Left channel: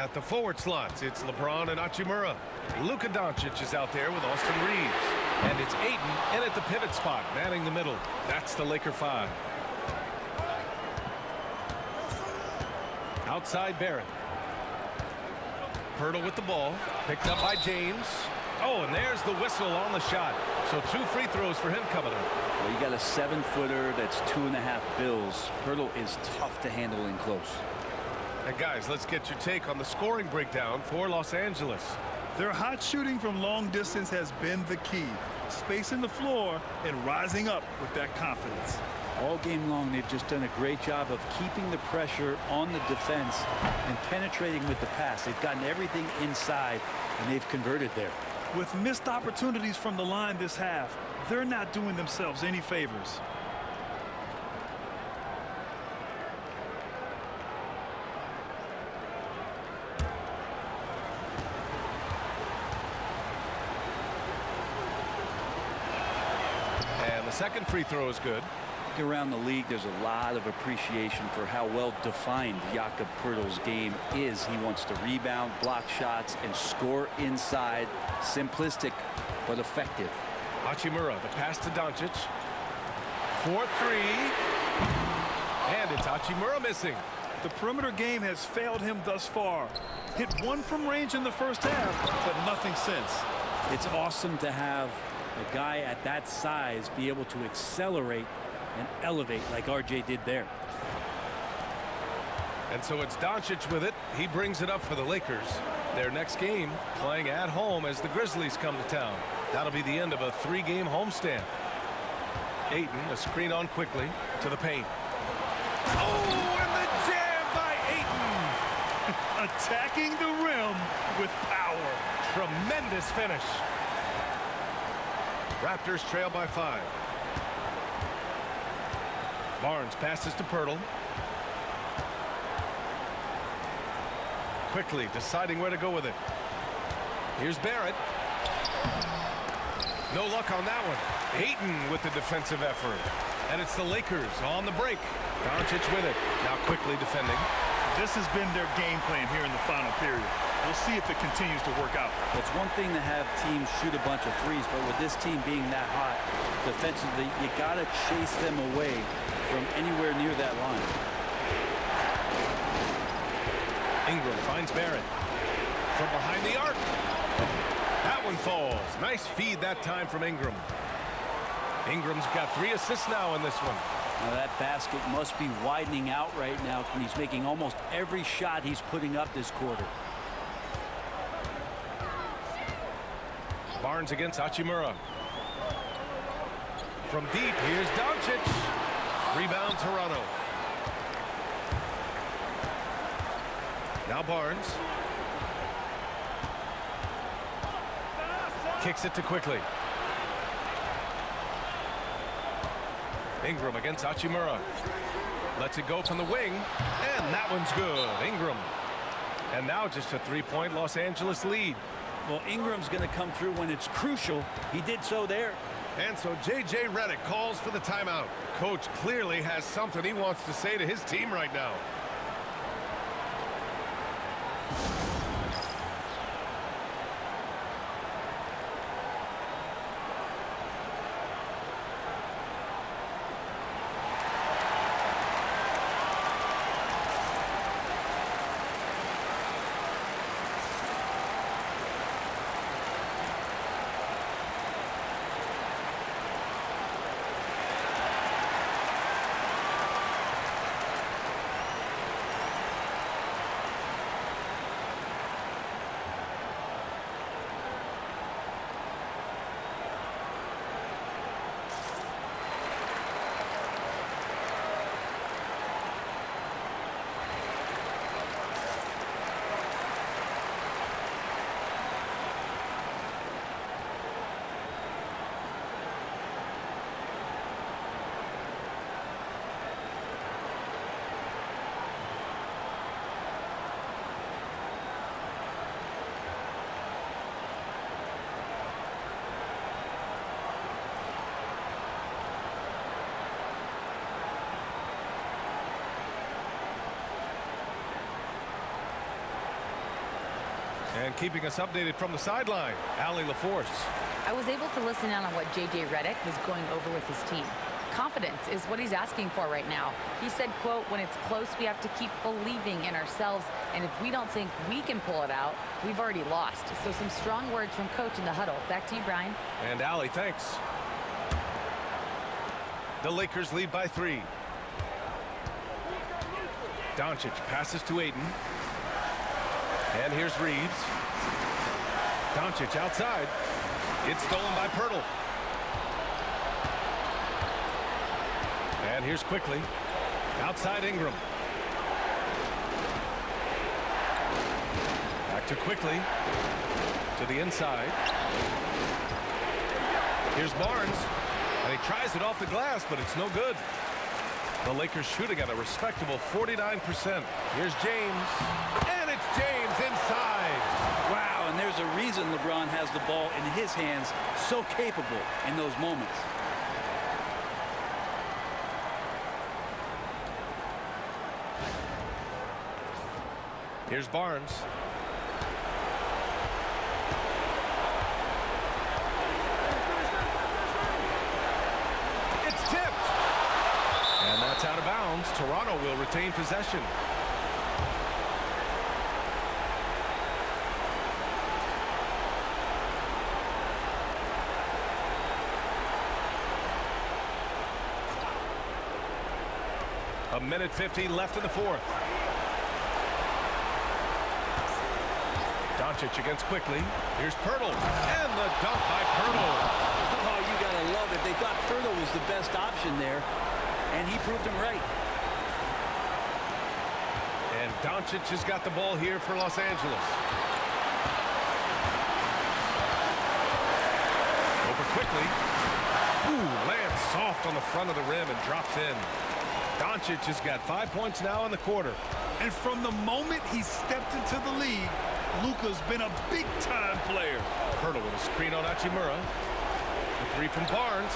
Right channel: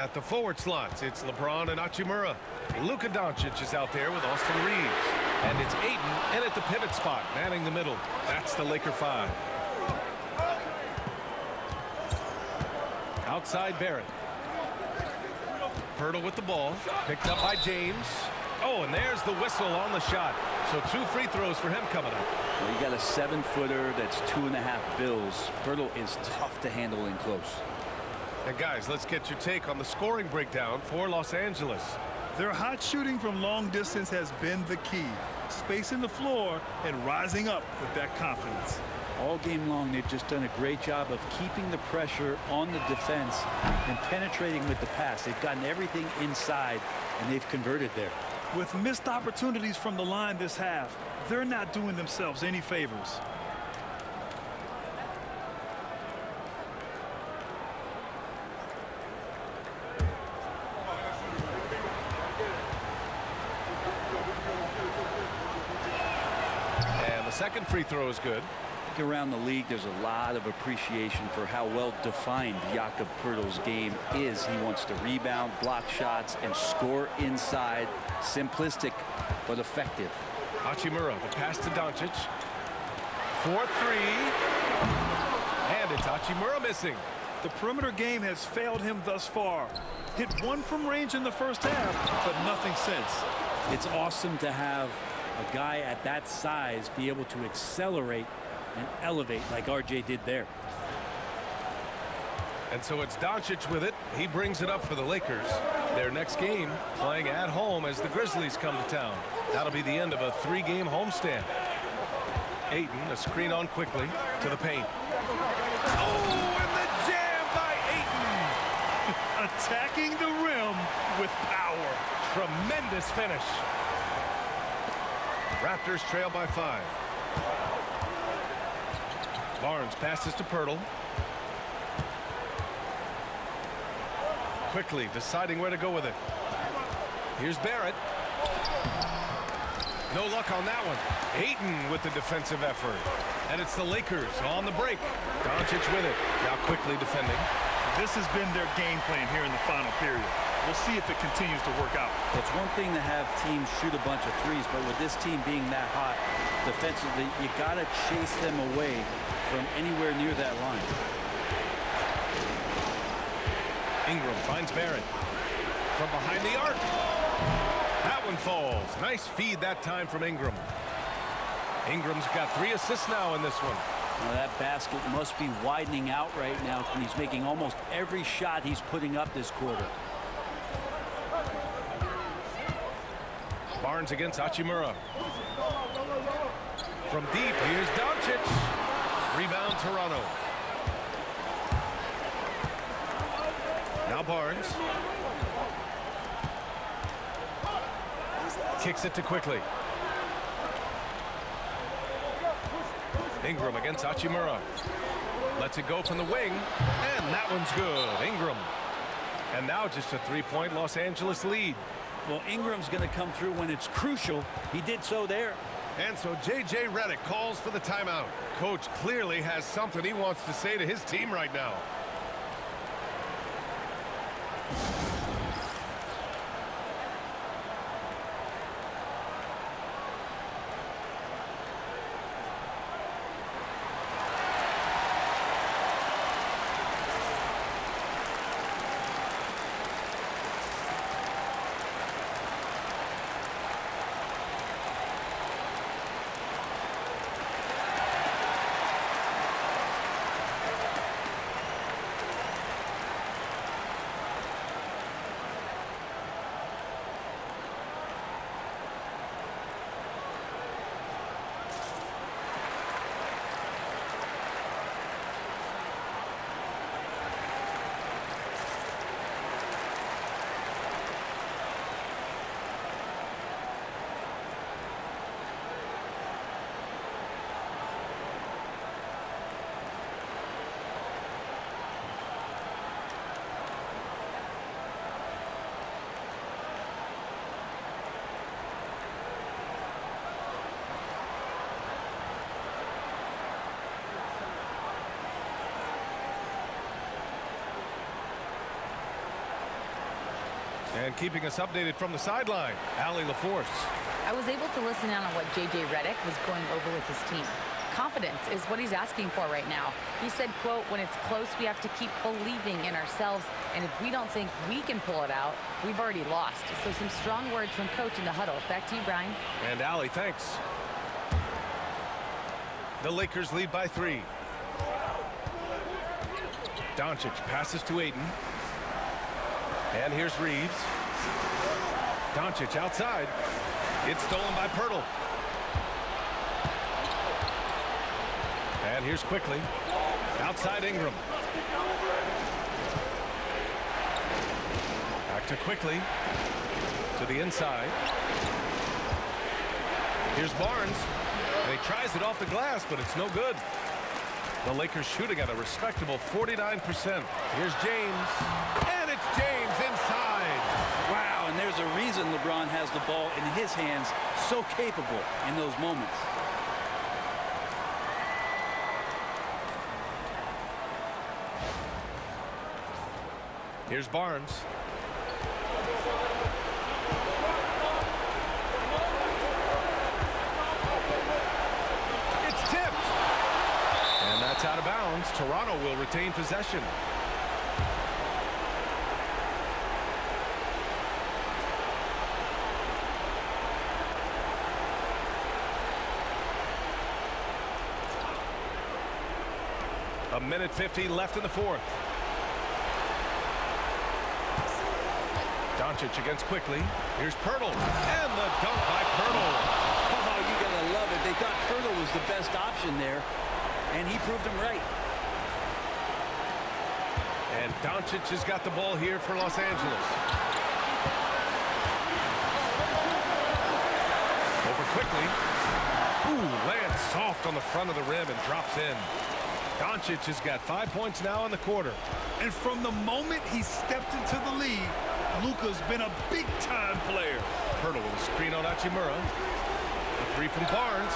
At the forward slots, it's LeBron and Hachimura. Luka Doncic is out there with Austin Reeves. And it's Ayton in at the pivot spot, manning the middle. That's the Laker 5. Outside Barrett. Pirtle with the ball. Picked up by James. Oh, and there's the whistle on the shot. So 2 free throws for him coming up. Well, you got a 7-footer that's 2.5 bills. Pirtle is tough to handle in close. And guys, let's get your take on the scoring breakdown for Los Angeles. Their hot shooting from long distance has been the key. Spacing the floor and rising up with that confidence. All game long, they've just done a great job of keeping the pressure on the defense and penetrating with the pass. They've gotten everything inside, and they've converted there. With missed opportunities from the line this half, they're not doing themselves any favors. And the second free throw is good. I think around the league, there's a lot of appreciation for how well defined Jakob Poeltl's game is. He wants to rebound, block shots, and score inside. Simplistic, but effective. Hachimura, the pass to Doncic. 4-3. And it's Hachimura missing. The perimeter game has failed him thus far. Hit 1 from range in the first half, but nothing since. It's awesome to have a guy at that size be able to accelerate and elevate like RJ did there. And so it's Doncic with it. He brings it up for the Lakers. Their next game playing at home as the Grizzlies come to town. That'll be the end of a 3-game homestand. Ayton, a screen on quickly to the paint. Oh, and the jam by Ayton. Attacking the rim with power. Tremendous finish. Raptors trail by 5. Barnes passes to Pirtle. Quickly deciding where to go with it. Here's Barrett. No luck on that one. Ayton with the defensive effort. And it's the Lakers on the break. Doncic with it. Now quickly defending. This has been their game plan here in the final period. We'll see if it continues to work out. It's one thing to have teams shoot a bunch of threes, but with this team being that hot defensively, you got to chase them away from anywhere near that line. Ingram finds Barrett from behind the arc. That one falls. Nice feed that time from Ingram. Ingram's got 3 assists now in this one. Now that basket must be widening out right now, and he's making almost every shot he's putting up this quarter. Barnes against Hachimura. From deep, here's Doncic. Rebound Toronto. Now Barnes. Kicks it to quickly. Ingram against Hachimura. Lets it go from the wing. And that one's good. Ingram. And now just a 3-point Los Angeles lead. Well, Ingram's going to come through when it's crucial. He did so there. And so J.J. Redick calls for the timeout. Coach clearly has something he wants to say to his team right now. And keeping us updated from the sideline, Allie LaForce. I was able to listen in on what J.J. Redick was going over with his team. Confidence is what he's asking for right now. He said, quote, when it's close, we have to keep believing in ourselves. And if we don't think we can pull it out, we've already lost. So some strong words from coach in the huddle. Back to you, Brian. And Allie, thanks. The Lakers lead by 3. Doncic passes to Ayton. And here's Reeves. Doncic outside. It's stolen by Pirtle. And here's Quickly. Outside Ingram. Back to Quickly. To the inside. Here's Barnes. And he tries it off the glass, but it's no good. The Lakers shooting at a respectable 49%. Here's James. And it's James inside. Wow, and there's a reason LeBron has the ball in his hands, so capable in those moments. Here's Barnes. It's tipped. And that's out of bounds. Toronto will retain possession. A minute 50 left in the fourth. Doncic against Quickly. Here's Pirtle. And the dunk by Pirtle. Oh, you gotta love it. They thought Pirtle was the best option there, and he proved them right. And Doncic has got the ball here for Los Angeles. Over Quickly. Ooh, lands soft on the front of the rim and drops in. Doncic has got 5 points now in the quarter. And from the moment he stepped into the league, Luka's been a big-time player. Pirtle with a screen on Hachimura. The three from Barnes.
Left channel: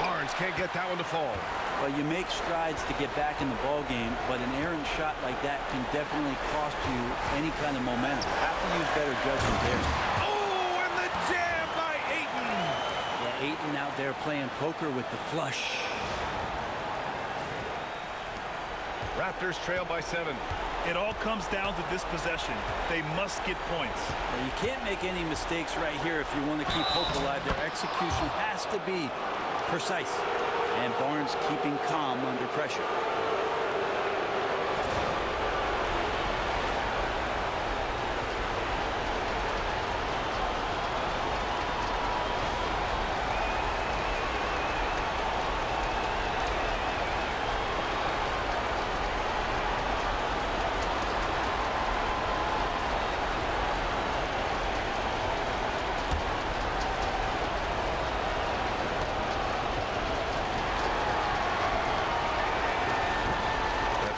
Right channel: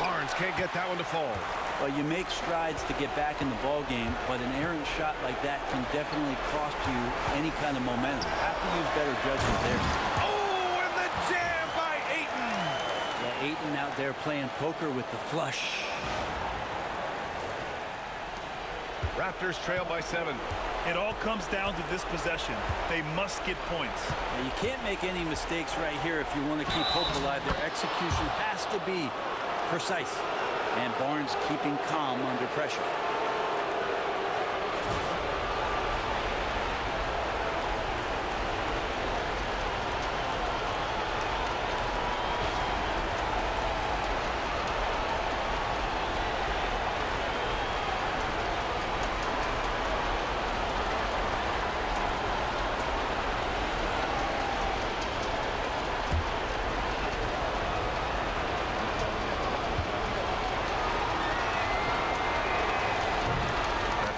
Barnes can't get that one to fall. Well, you make strides to get back in the ball game, but an errant shot like that can definitely cost you any kind of momentum. Have to use better judgment there. Oh, and the jam by Ayton. Yeah, Ayton out there playing poker with the flush. Raptors trail by 7. It all comes down to this possession. They must get points. Now, you can't make any mistakes right here if you want to keep hope alive. Their execution has to be precise. And Barnes keeping calm under pressure.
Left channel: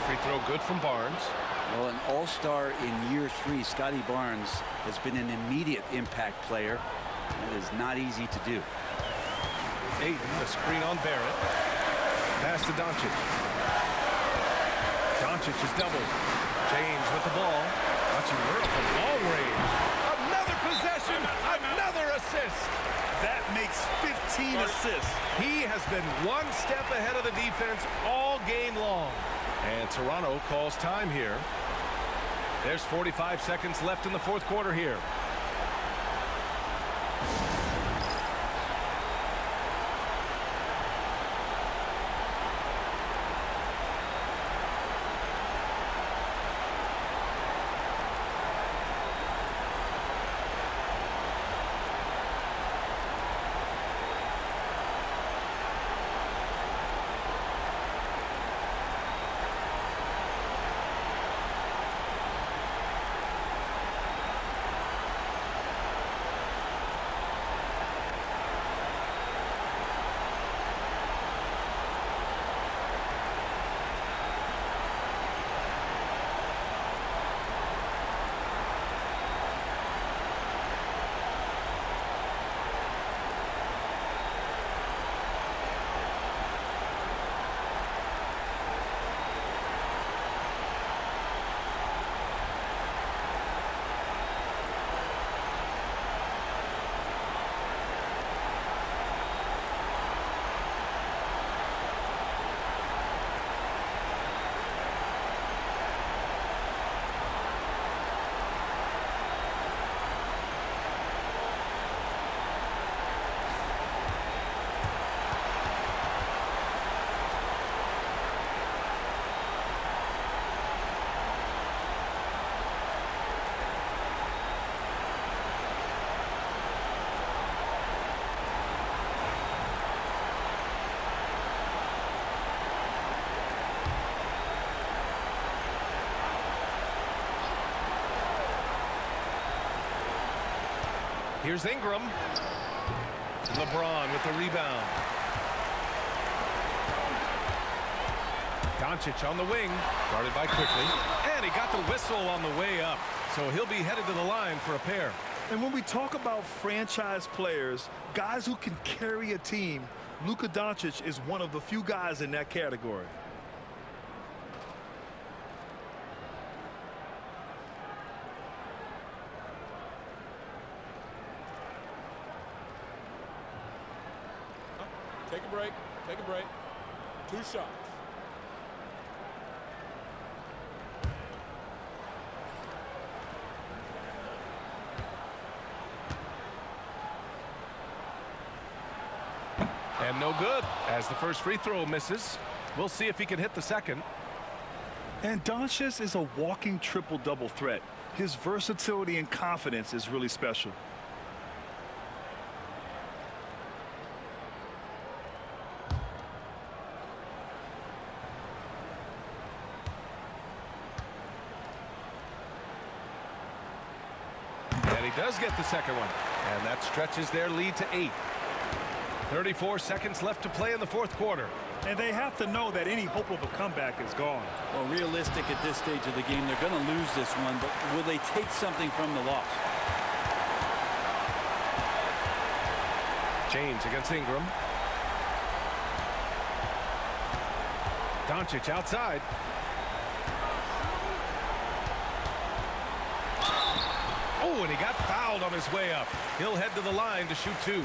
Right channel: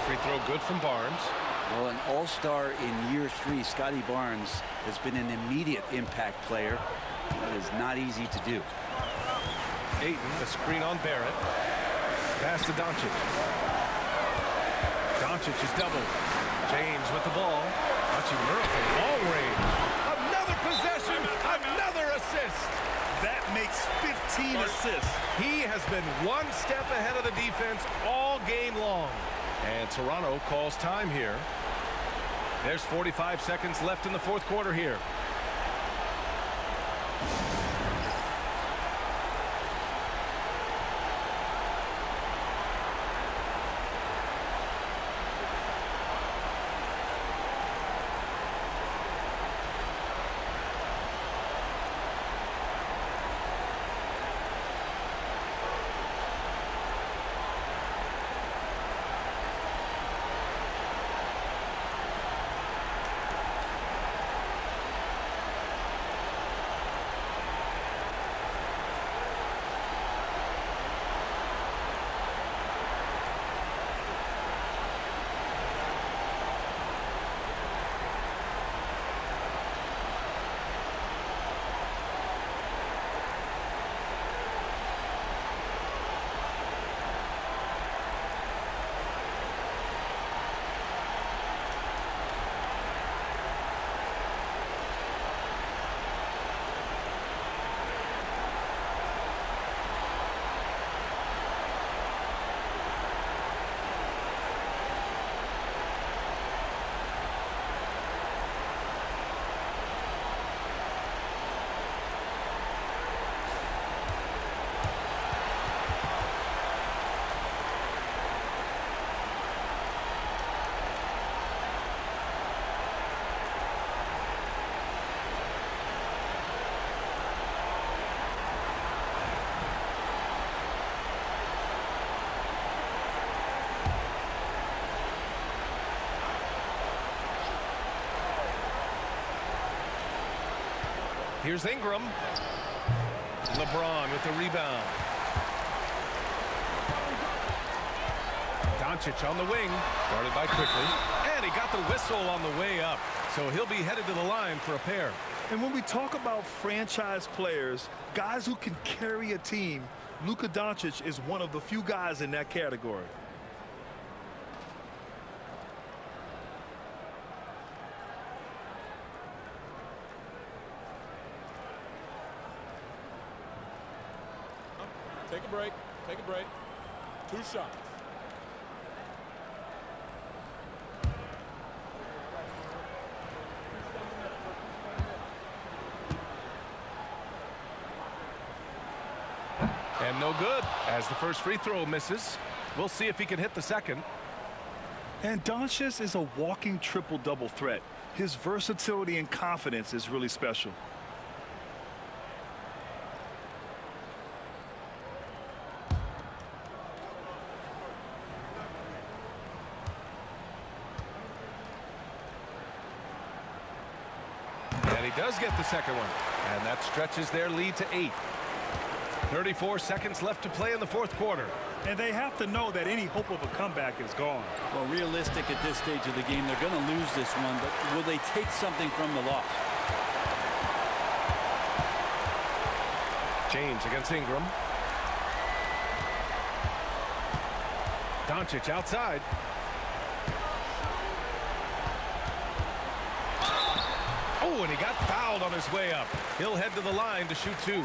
Free throw good from Barnes. Well, an all-star in year 3, Scotty Barnes has been an immediate impact player. That is not easy to do. Ayton, the screen on Barrett. Pass to Doncic. Doncic is doubled. James with the ball. Hachimura from long range. Another possession, another assist. That makes 15 assists. He has been one step ahead of the defense all game long. And Toronto calls time here. There's 45 seconds left in the fourth quarter here. Here's Ingram. LeBron with the rebound. Doncic on the wing, guarded by Quickly, and he got the whistle on the way up, so he'll be headed to the line for a pair. And when we talk about franchise players, guys who can carry a team, Luka Doncic is one of the few guys in that category. Take a break. Take a break. 2 shots. And no good, as the first free throw misses. We'll see if he can hit the second. And Doncic is a walking triple-double threat. His versatility and confidence is really special. And he does get the second one. And that stretches their lead to 8. 34 seconds left to play in the fourth quarter. And they have to know that any hope of a comeback is gone. Well, realistic at this stage of the game, they're going to lose this one, but will they take something from the loss? James against Ingram. Doncic outside. Oh, and he got fouled on his way up. He'll head to the line to shoot 2.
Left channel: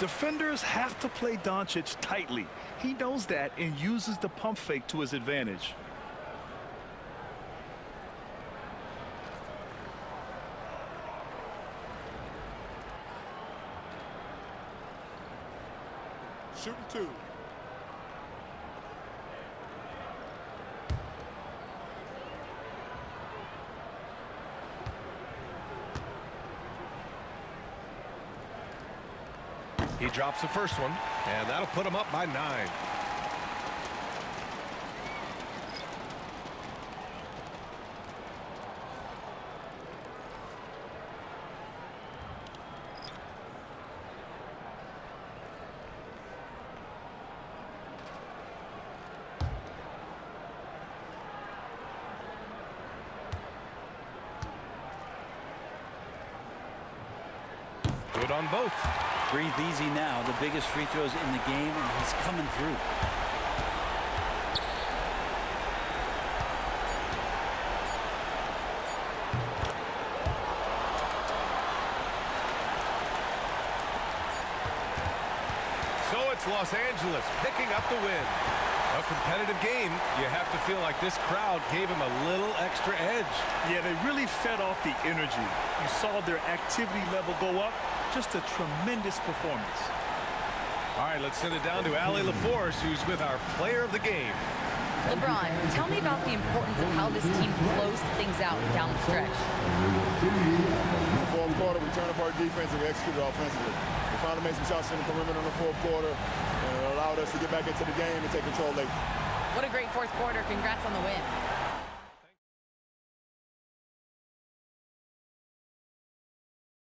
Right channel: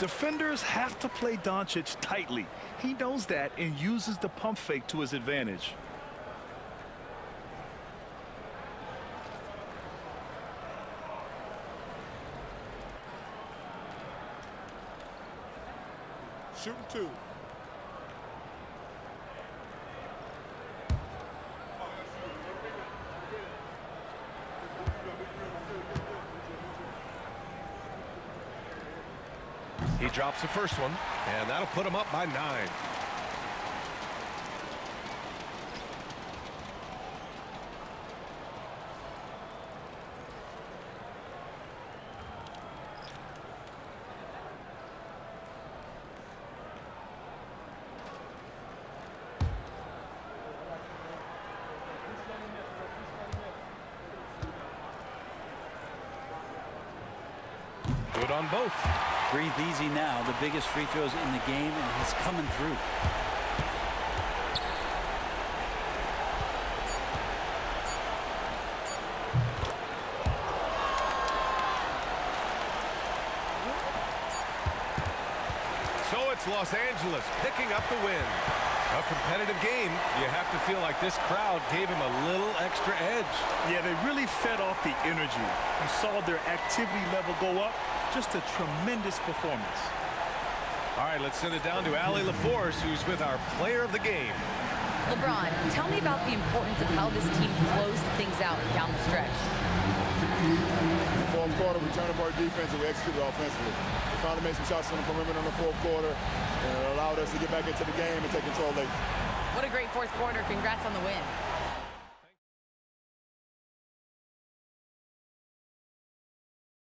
Defenders have to play Doncic tightly. He knows that and uses the pump fake to his advantage. Shooting 2. He drops the first one, and that'll put him up by 9. Good on both. Breathe easy now. The biggest free throws in the game, and he's coming through. So it's Los Angeles picking up the win. A competitive game. You have to feel like this crowd gave him a little extra edge. Yeah, they really fed off the energy. You saw their activity level go up. Just a tremendous performance. All right, let's send it down to Allie LaForce, who's with our player of the game. LeBron, tell me about the importance of how this team closed things out down the stretch. In the fourth quarter, we turned up our defense and we executed offensively. We finally made some shots in the perimeter in the fourth quarter, and it allowed us to get back into the game and take control late. What a great fourth quarter. Congrats on the win.